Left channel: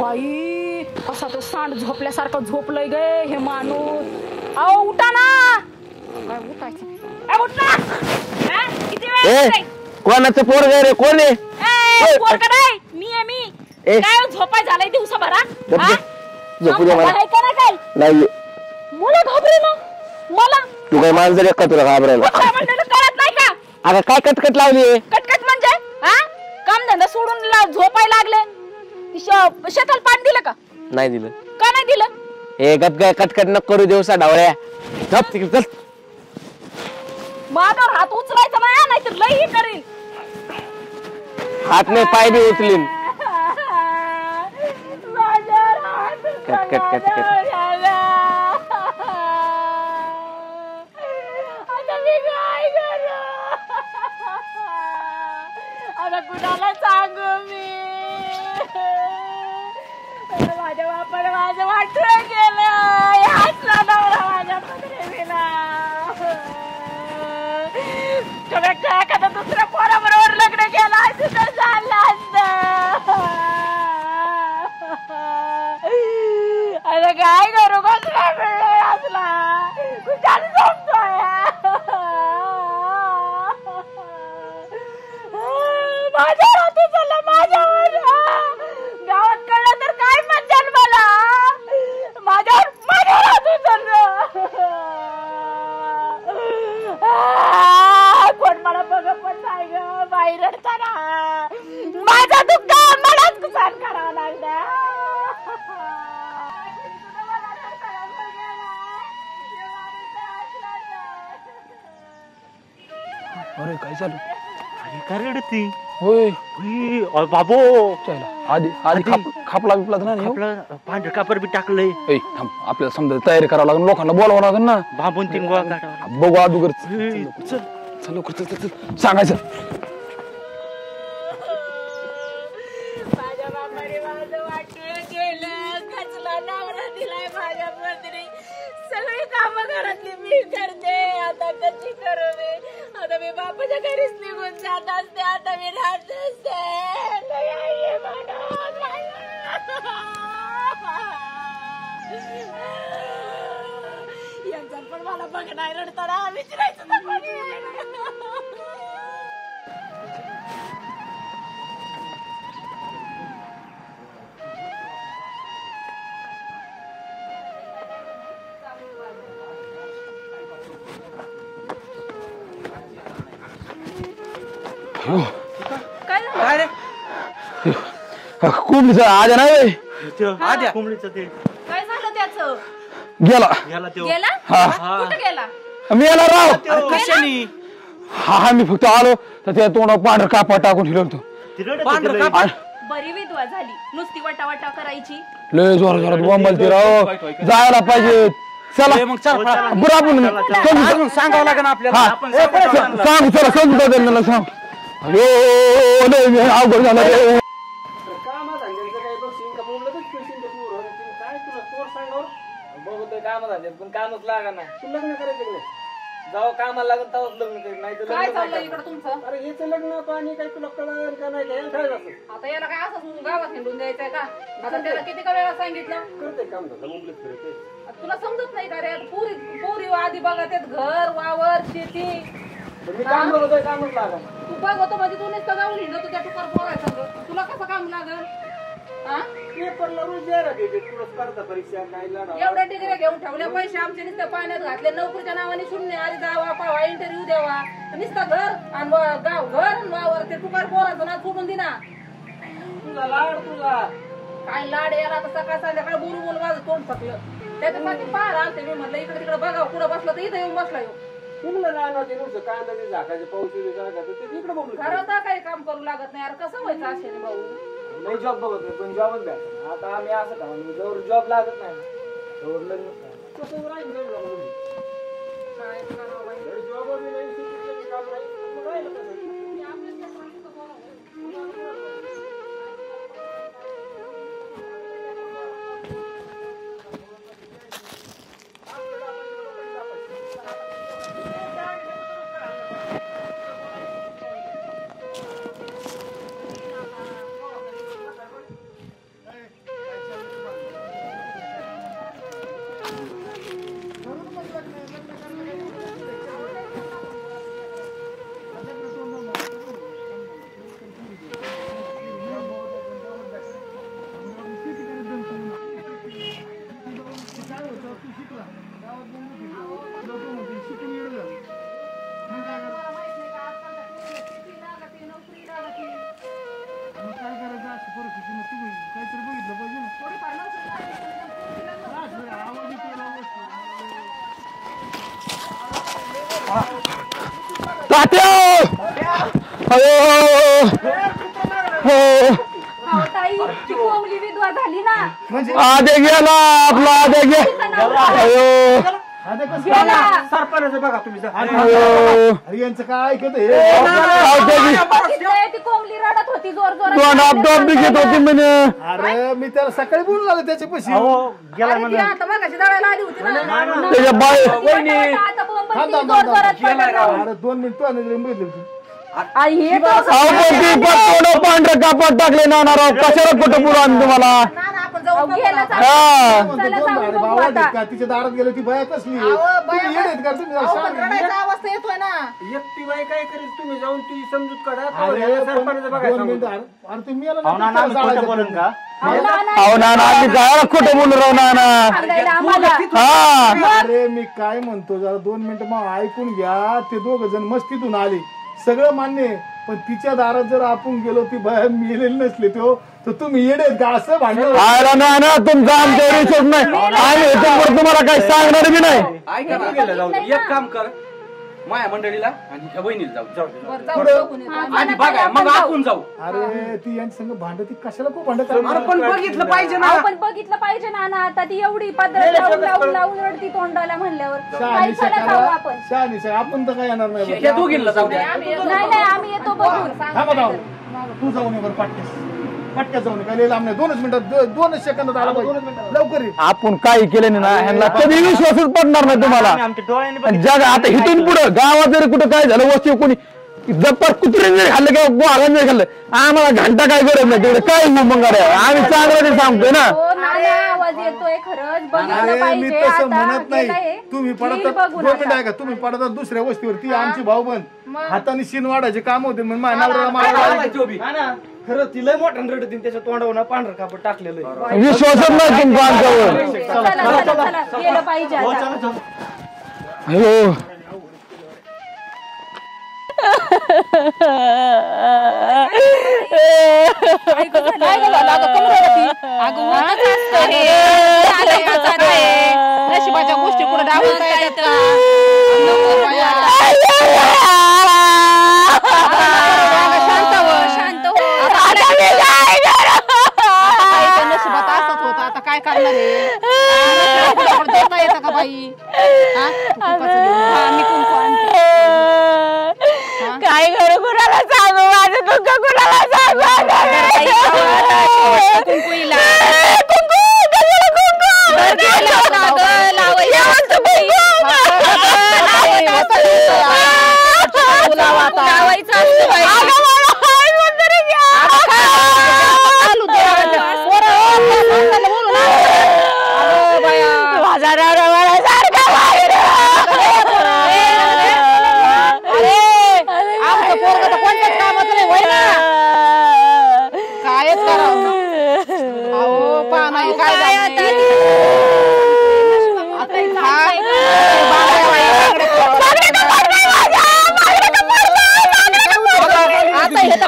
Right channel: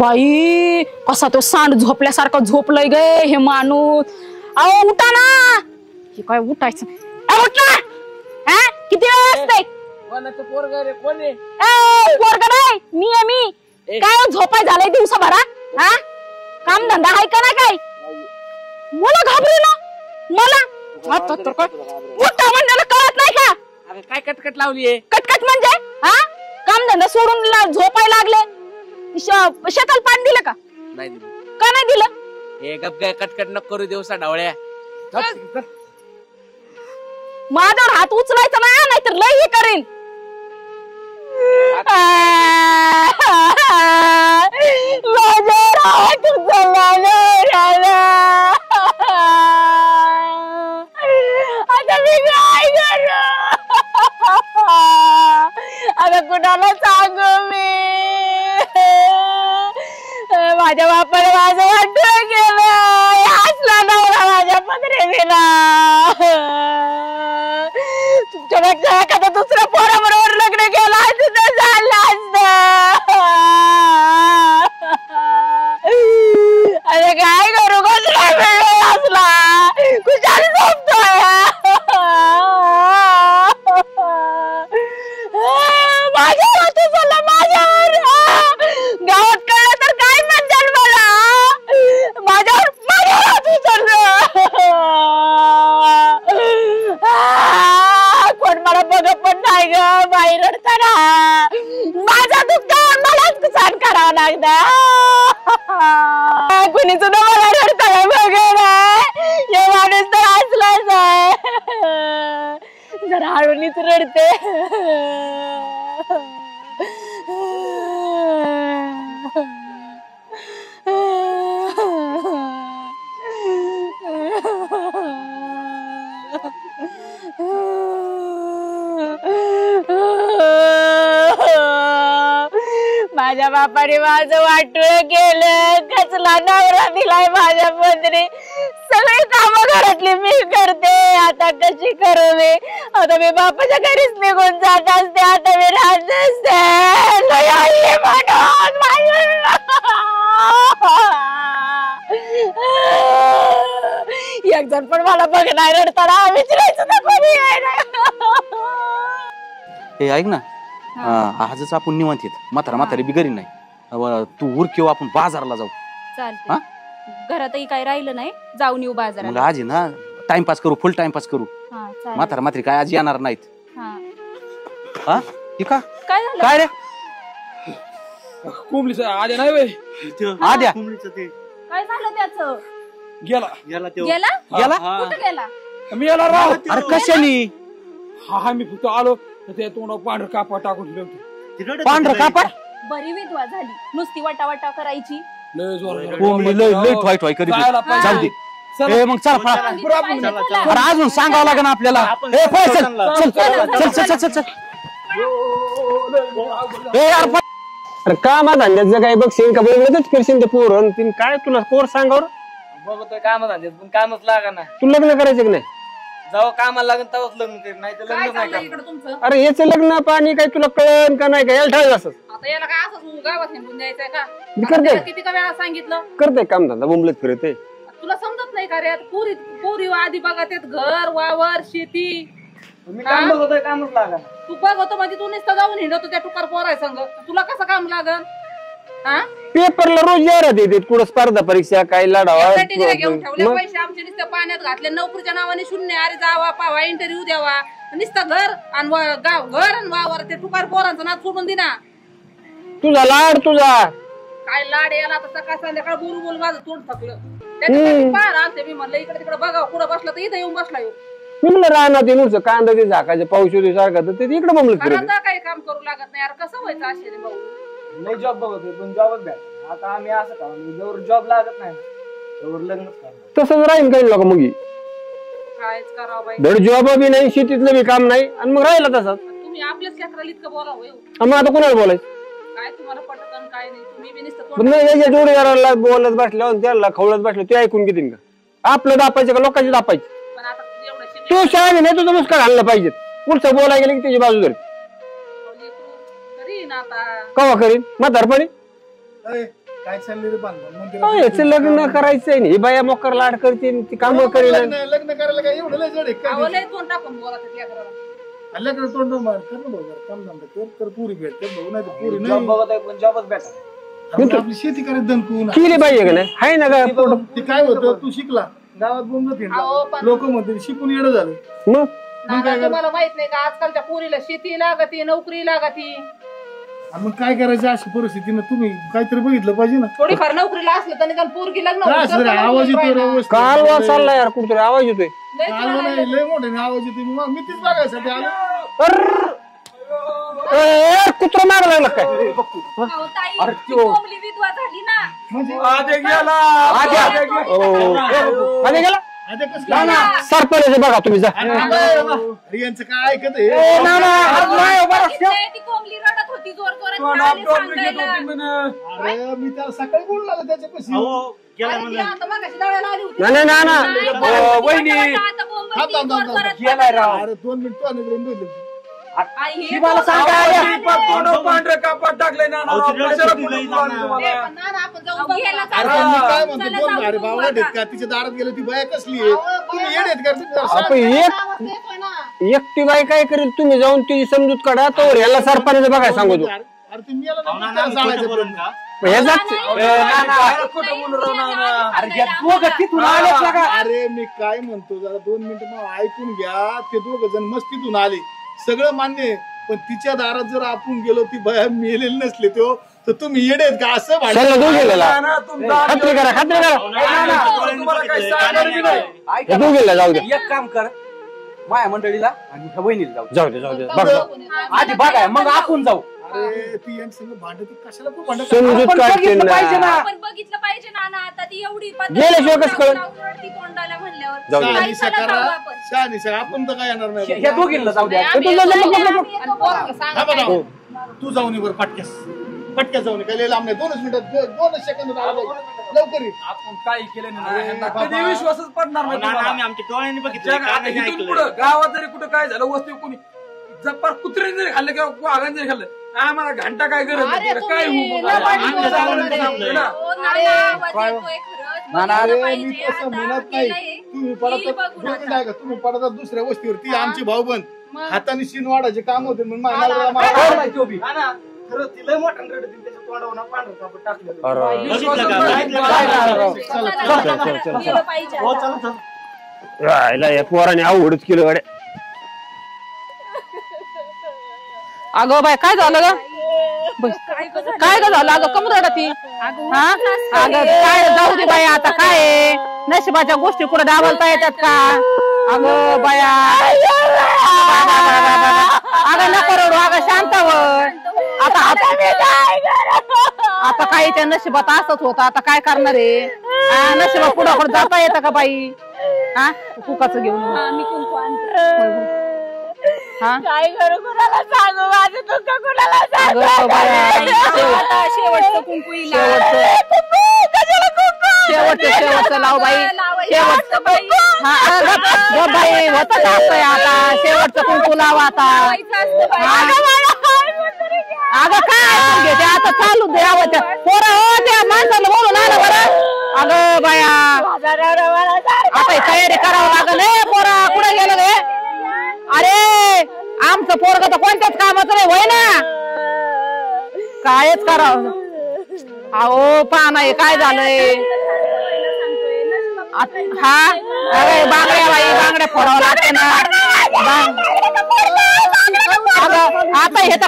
बाई कसा तो सांड झोपल्यासारखं झोपलंय गे हे माणूस. अहो उठा ना. काय उठायचं उठ ना. किती वेळ कोणाचं पोरग रे कोण आहे? पोरग नाही मी आहे मी. काय झोपाय झालंय दिवसाभरात आहे का ना काय नाही मला घाबरे ना मला. तू काय माणसं रे का तुला घाबरायला? म्हणजे कळत नाही का? अगं काय कटकट लावली? कटकट म्हणजे काम धंदा सोडून झोपाय लागले. शेताला पाणी दिलं का? नाही दिलं. का नाही दिलं? हे गप काय कटकट न करू दिवसा ढवळ्या. चल माझ्यावर हात उचलायचा नाही तर लई करेल. हात नाही पाय बी उचलीन. माझ्यावर हात उचलला. आता मी काय करू? आता कुणाला सांगू मी? माझ्या बापाने माझं वाटलं केलं. हसला नवरा माझ्या पत्रेला. एखादा दुसऱ्या पोराबरोबर लग्न केलं असतं झालं असतं. अरे काय करू कसला वेळ असला कुशाल झोपतोय. माझ्यावर तुझं माझ्यावर गावात कळलं तर काय म्हणतात मला. माझ्यावर तुझं कोण मला बघ पण नाही ग. बाहेर रडताना माझा दुःख मलाच सहन करावं लागतं. कुणी सुद्धा मला रडताना बघ हे माणूस तर असलाच आहे. जरा हळूनीच रडते. बाबू आधी खाप लागला ना कापड बी टाकलंय. आपल्याला समजा तयारी करावं लागेल. लोकांना बोलावं लागेल ना. बाबून तीन गोळा बघू अगोदर सांगायचं. माझ्या बापाने माझं वाटोळं केलं. कसला नवरा दिलाय माझ्या पत्नी. सगळी कामं घरातली मी करते. आता कशी करू मी? आता मी बापाच्या घरीच निघून जात असते. आता मी राहत असते. एक जण पण मला बघणार रडताना विचारायचं ना कोणी हे ऐक ना आजच आपण निवांत येत. म्हातारी बिगरी नाही. तू उर किंवा आपण बाजारला जाऊ. चालतंय. घरातही काय राहिलं नाही. जाऊन येऊ बाजारात. आज ना टाइमपास करू. फुल टाइमपास करू. म्हातारी काय आज येणार नाहीत. ठीक आहे. काय रे कोंबडीचा आद्या नाही आद्या काय झालं त्याचं? गेला गेला. मी आला राव. अरे कशानी? हा मी फक्त आलो तर ते तोंड पांढर कापा टाकून ठेवलं होतं. पांढर कापा? बरी विधवा झाली. नुसती वटावटा करायची. लय जोरात जायला पाहिजे. चला मग चला अजून सांगावं लागेल आपल्याला. अरे कामा धंद्याचं काय बघशील का बघतच फिरशील ते पोर काय तुला पोर सांगावर बघतोय काम धंद्यात पण कामच लागा ना. तू लग्न करायचं की नाही? जेव्हा कामाला लागेल तेव्हाच लग्न कर. नाही तर लग्न नाही तुमचं. अरे याचं लग्न पाणी काय तुला कळण का नाही का याला ठाळ असं आता याला काय असं गावात हिंडून द्यायचंय का? करते किती का वेळा सांगितलं करते काम धंदा बोंबलत फिरते. तुला समजत नाही का रे? पुरी आधी बघा त्यात घर वावर शेती. मी काम बघतोय कामच लागा. तू बघतो म्हणजे तू नुसतं जाऊन हिंडतो त्या टुकार पोराय संग. तुला कसं काम लागल? पेपरला रोज जाहिरात येते कुठं स्पर्धा परीक्षा काय लढावा. घेऊन ठेवले पैसे आमचे नुसतं पाण्यात घातले. नोकरीच्या नावाने शून्य. अरे जावा पावा इंटरव्ह्यू द्यावा. नुसतं घर आणि घर आणि वावर ते टुकार पोरांचं नाव सोडून दिना. तुझा लाड तुझा काय लाड याला तर सकाळ संध्याकाळ बोलू माझं तोंड थकलं. त्याच्यासाठी पार आलते मी म्हणलं इकडे तिकडे बघा. कुठं बसलं तर इथं येऊन बसला येऊ. म्हणलं राहणार ते नुसतं कांदा ते झाकायचे पाऊस होते सारखं ते इकडे बोंबलत फिरते. काही काम करू लागत नाही. अरे कसं व्हायचं असे भाऊ? नाही जॉब बघतोय पण जॉबच द्या. आता आम्ही असं का जवळ जॉब लागत नाही जवळ लग्न. तसंच राहील काही लोक मग काय करावं बाई? धड जॉब बी नाही शेतीतलं बी काम नाही आणि मग राहिला तसंच. तुम्ही आपल्याच क्षेत्राला इतकं बोलावं. मग आता कोणाला बोलायचं? काय तुम्हाला पटकन काय नाही. तुम्ही बी नुसतं पण नाही याच्या जोडीदाराला बोलत बसल्यावर त्याला खवळत बसलं ते ऐकून किती आपलं दापायचं का लोकांची दापायची? पण आता एवढं तू शाळा नाही तुझं मुस्कार घाललं पाहिजे. पुढचं बोलायला गेलं की त्याची बाजू धर करीन आता. कवा करीन म्हातारपणी काय चाललंय रे बांधणं? अहो, याचं लग्न करायचंय ना, ही बाया मोकर लाड करते ती कामं करेल. लग्न करायला काय एवढं लय जड आहे काय? हल्ल्याकडे तोंड मार, करू दे, काम धंदा कर, तर पुरी भेट, तर बघू नाही तर पुरी नाही. जॉब बघत आहे पण जॉबच भेटत. आपण आपली शेती करायची दमतून. केली पाहिजे का नाही? आहे ना का पोट? ते काय होतं, तू शिकला गावात बोंबलं फिरला, लोक म्हणते शिकून येणं झालं. मग तुम्हाला माहित नाही का आजकालच्या पोरीला शेती लागती नोकरी लागती आणि मग काय करायचं अशी परिस्थितीनं तुम्ही काहीतरी बघितलं पाहिजे ना. थोडीफार नोकरीला असली तर निकाल पोरगी लग्न काय असं रे, आवाज येतोय रे, व्यवस्थित. कालवा चालला यार, कुठतरी आवाज येतोय. चाललं नाही, लय मोठे ना आवाज येतोय. मग मी तिथं जागायचं. कुत्रा मारला ताई ती कोंबडी विधवा झाली ना. म्हणजे आधे गेला आपला आधे गे आता कसं काय? सरपंच बघा तुम्ही जा. अरे यांचं काय ऐकत आहे? बघितलंय, ती कोंबडी रडत होती जोर जोरात. घेत होती म्हणे. अरे मी त्याला सकाळी बोलून आलो त्याच्यापाशी. आता मगाशी दळायला आली होती नाही नाही ना त्याच्या बाळ- वहिनी आता कोंबडी जोर जोरात पकडलं. अरे 2 मिनिटं आणि भेटली. आई हे तर अहो, पण ती पण पांढरं कापड टाकले ना राव, कशाला कुठं पुरं आणतो मला. ना ना आपण जाऊ गेला बघू. काय म्हणतो, चला दोन जाऊ अरे बघू भावडा आता. आहेत का? तिच्या दारात गेले ती बाया कसली आहे? तुम्ही येडे आहेत का? तुम्ही जरा आपण सांगा. एक- सहा वाजता येतोय ना एकटी बाई काय करेल, तुम्ही जाऊन तिची समजूत काढा, तो ह्याला सरपंच बघाय सांगतो. अरे तुम्ही याला नको त्याला जाळायचं. अहो ना ना, ती बाळा खोटं बोलून राव ना ना. हा. अरे मी काय म्हणतो, जरा 2 मिनिटं मग ऐकून घ्या. ते दोघ जण मस्तीतून आले, सगळं मान्य आहे. पण तिच्या दारात जर आपण गेलो, ती बाया मेलेली नसली तर तुम्ही येडे आहेत का? असं भांडण अरे ना ना, तुमचा आमच्या विषयात नाही. आम्ही इथून तुम्हाला काही सांगणार बी नाही. ऐका तू गेला, जाऊ दे. ना, एक काम कर, माया मंडळीला आणि ह्या बहिणीला जाऊ जाऊ दे जाऊ दे आधी बघा मग आपण जाऊ. अरे ती यांच्या संग भांडती कशाला खूप भांडत समजूत आपण काढते बघितलं ना. पाहिजे ना. आपण बघितलं पाहिजे ना ना. आता ती एवढी गेल्याशिवाय कसं कळलं? रडती तोंडाला म्हणल्यावर जाऊ दे. काही फरक खाऊ आपण. आपण तर काय येणार नाही. ह्या दोघींना जाऊ द्या. नाही, आम्ही येतो बघू. थांबा जाऊ. तू जाऊन ये बरं पटकेस जाऊन ये. काय लय लांब नाही. 2 मिनिटात 2 सेकंदात आला पाहिजे. लवकर ये. आपण काही केलं नाही ना, ह्यांना कधी विश्वासच पडणार नाही तुम्हाला. आणि जग आता इथून पुढं गावात जरी कुठं काय झालं, वस्ती कोणी जप्पर कुत्रे जरी खाल्लं किंवा वाघाने जरी खाल्लं, आम्हाला घंटा काय गरज नाही. तिकडे काय मग आम्ही चांगलं सांगतोय ना. हो ना ना, आवाज येतोय खरंच. अरे बघितलं मी पाहिजे तसं आता. म्हणत गेलंय. नाही. तुम्ही ती बघू पडतात नका. का? तुम्ही पडतात दुसऱ्या वस्तीवरती. आमची भाऊबंद हाताने शिन वाढायचे काम होते. म्हणून माझ्या नवऱ्याला हा मारायला ना, खरं ती लय मोठ्यानं रडत त्याच्या तोंडावर पांढरं कापड टाकलेलं आहे. विश्वासच नाही तुमचा आमच्यावर. चला, गेलं पाहिजे हो आता. चला चला. पोराने अवघडच केलं गाड्या. अगं बाय काय झालं ग? काय झालं अगं कमी झालं ती आता काय नशिबाच्या गोष्टी पुढे डावलता येतात का? अगं बाया शांत हो. आता काही त्या नशिबात असत होतं. आता काय करणार आहे? नशिबात पुढं पुढं जाता येतं का बाई? कुंकाचं घेऊन मी कुंकू आणते. काय करू, कुणाला सांगू माझं दुःख, कुणाला सांगू कुंकू इला. कुंकू कशाला कुंकू? चालू दे पोरं हो त्या माणसाने बोलून आलं बरं. अगं बाया माझा नवरा मला सारखा अरे आमचं पोरग तर कोणत्याच कामाचं नाही होय ना. कायच करावं अहो पहा नाही काय झालंय आता हे तर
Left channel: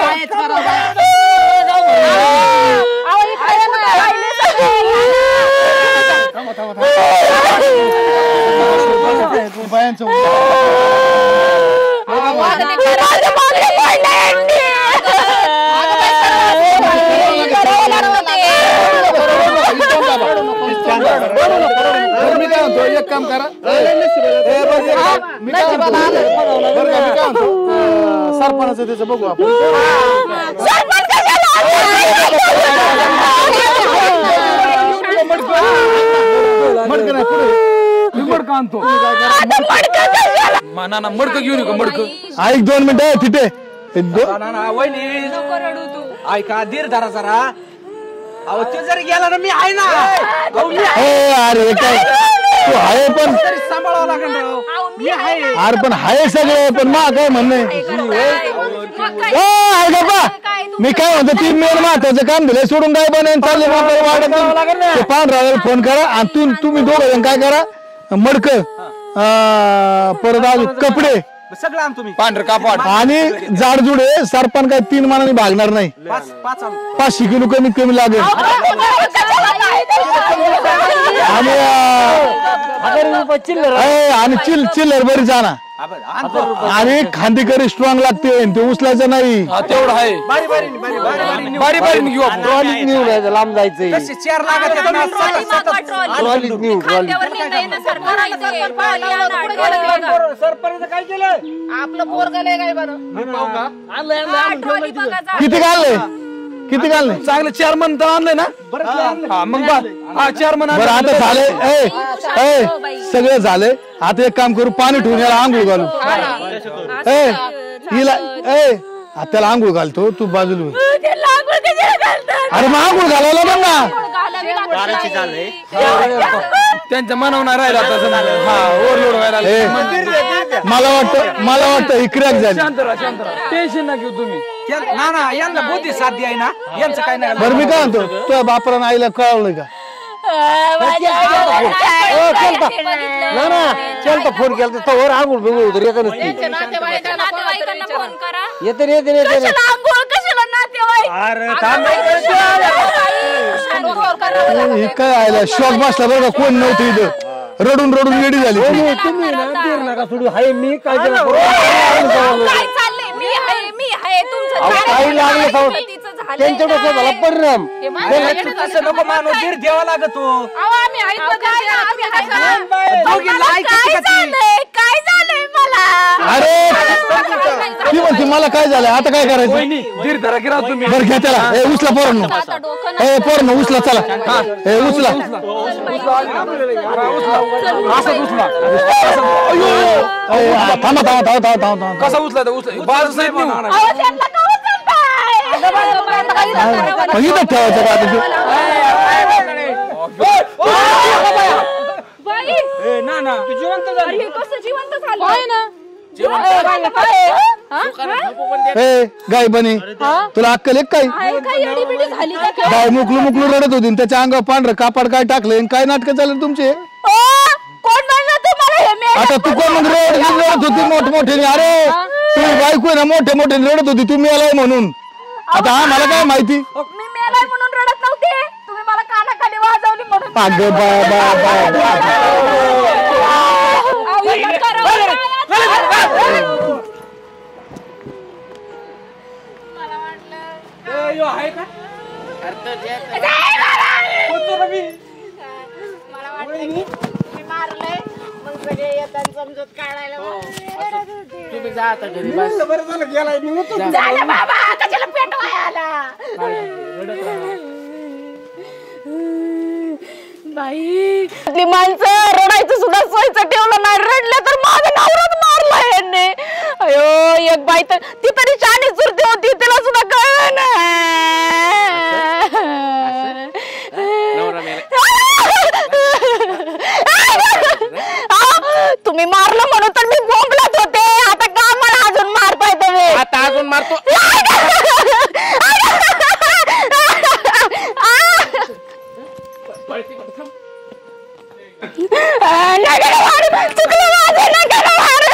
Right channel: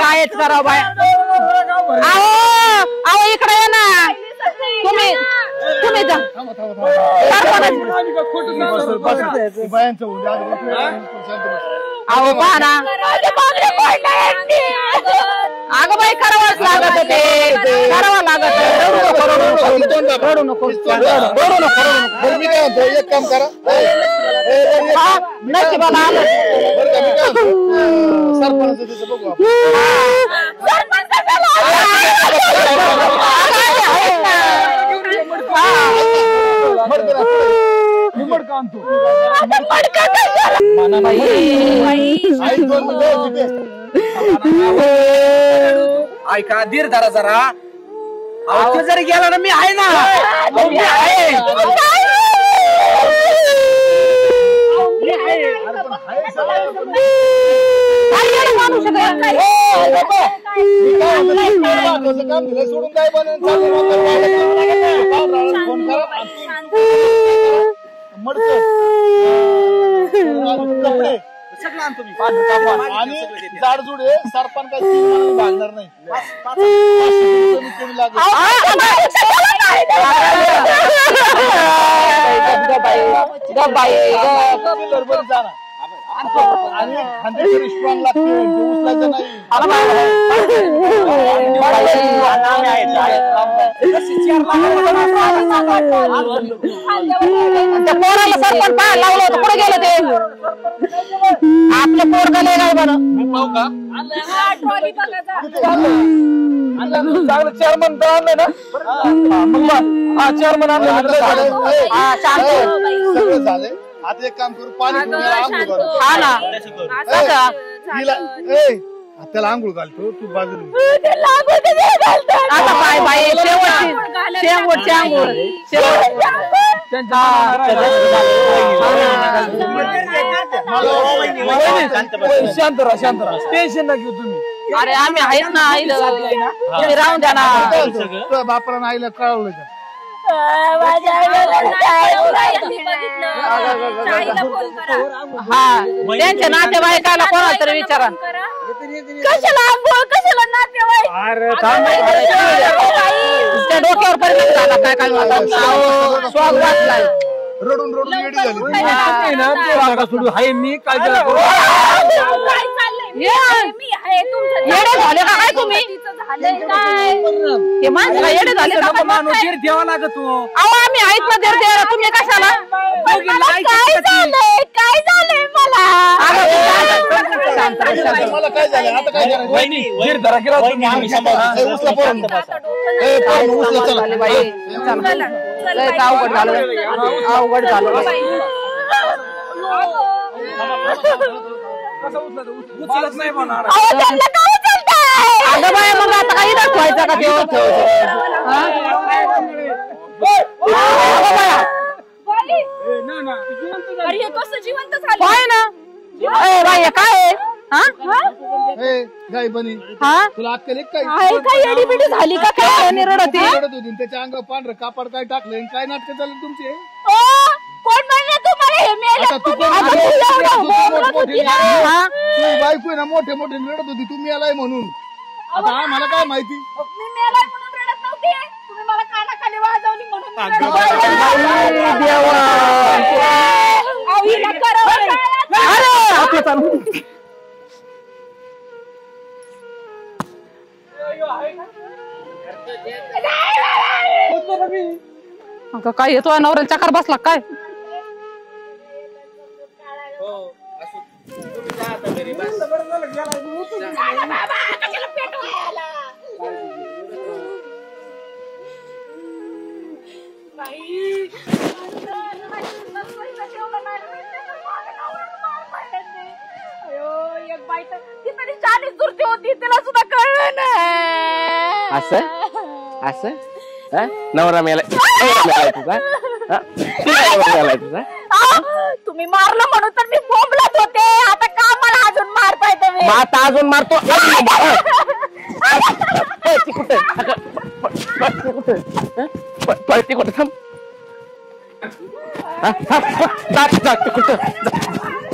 कायच करावं बाय. अहो इकडे ये ना. बायांचं अहो पाहा अगं बाई करावं लागलं ते. करावं बरं, मी काय म्हणतो, एक काम करा. नशिबाला आलं. सरपणाचं त्याचं बघू आपण. मडकं नाही, पुढे. मी मडकं आणतो. ऐक 2 मिनिटं तिथे ऐका धीर धरा जरा. अहो तो जरी गेला ना मी आहे ना. अरे काय तू आहे पण अरे पण हाय सगळे पण मा काय म्हणणं मी काय म्हणतो 3 मिनिट महत्वाचं काम दिलंय सोडून काय बनवून चालले पांढरा फोन करा आणि तुम्ही दोघं काय करा मडक परत अजून कपडे सगळं आण तुम्ही. पांढर कापड आणि जाडजुडे सरपण काय 3 मानाने भागणार नाही. 500 किलो कमीत कमी लागेल आणि चिल्लर बरी जाना आणि खांदेकरी स्ट्रॉंग लागते ते उचलायचं नाही. किती घालले चांगलं चेअरमन तर आणलंय ना. मग चेअरमन आता झालंय सगळं झालंय. आता एक काम करू पाणी ठेवून याला आंघोळ घालू. हिला त्याला आंघोळ घालतो तू बाजूला त्यांचं मनवणार मला वाटतं ही क्रॅक झाली. शांत टेन्शन ना घेऊ तुम्ही. मी काय म्हणतो तुझ्या बापाला आईला कळवलं का फोन केला तर त्यांच्या नातेवाईकाला कोणाला तरी विचारा. काय आयला शॉक बसला बघा कोण नव्हतं इथे. रडून येडी झाली. मी काय ठेवा लागत आम्ही आहेत ना तुम्ही कशाला काय झालंय मला काय झालं आता काय करायचं घ्या त्याला उचला पोरांनो उचला चला उचला थांबा कसा उचला बाजू नाही गाय बनी तुला अक्कल एक काय मुकली रडत होती त्याच्या अंगावर पांढरं कापड काय टाकलं काय नाटक चाललं तुमचे. आता तू कोण रडत होती मोठमोठे अरे तुम्ही बायको ना मोठे रडत होती तुम्ही आलाय म्हणून. आता मला काय माहिती काय येतो नवरा चक्कर बसला काय बाई ती माणसं रडायचं सुद्धा सोयचं ठेवलं नाही. रडले तर माझा नवराच मारला यांनी. अयो एक बाई तर ती तरी छान चुरती होती तिला सुद्धा कळलं नाही. नवरा मेला. तुम्ही मारलं म्हणून तर मी बोंबलत होते. आता का मला अजून मारताय तुम्ही. आता अजून मारतो. पळते कुठं थांब. नका मारू.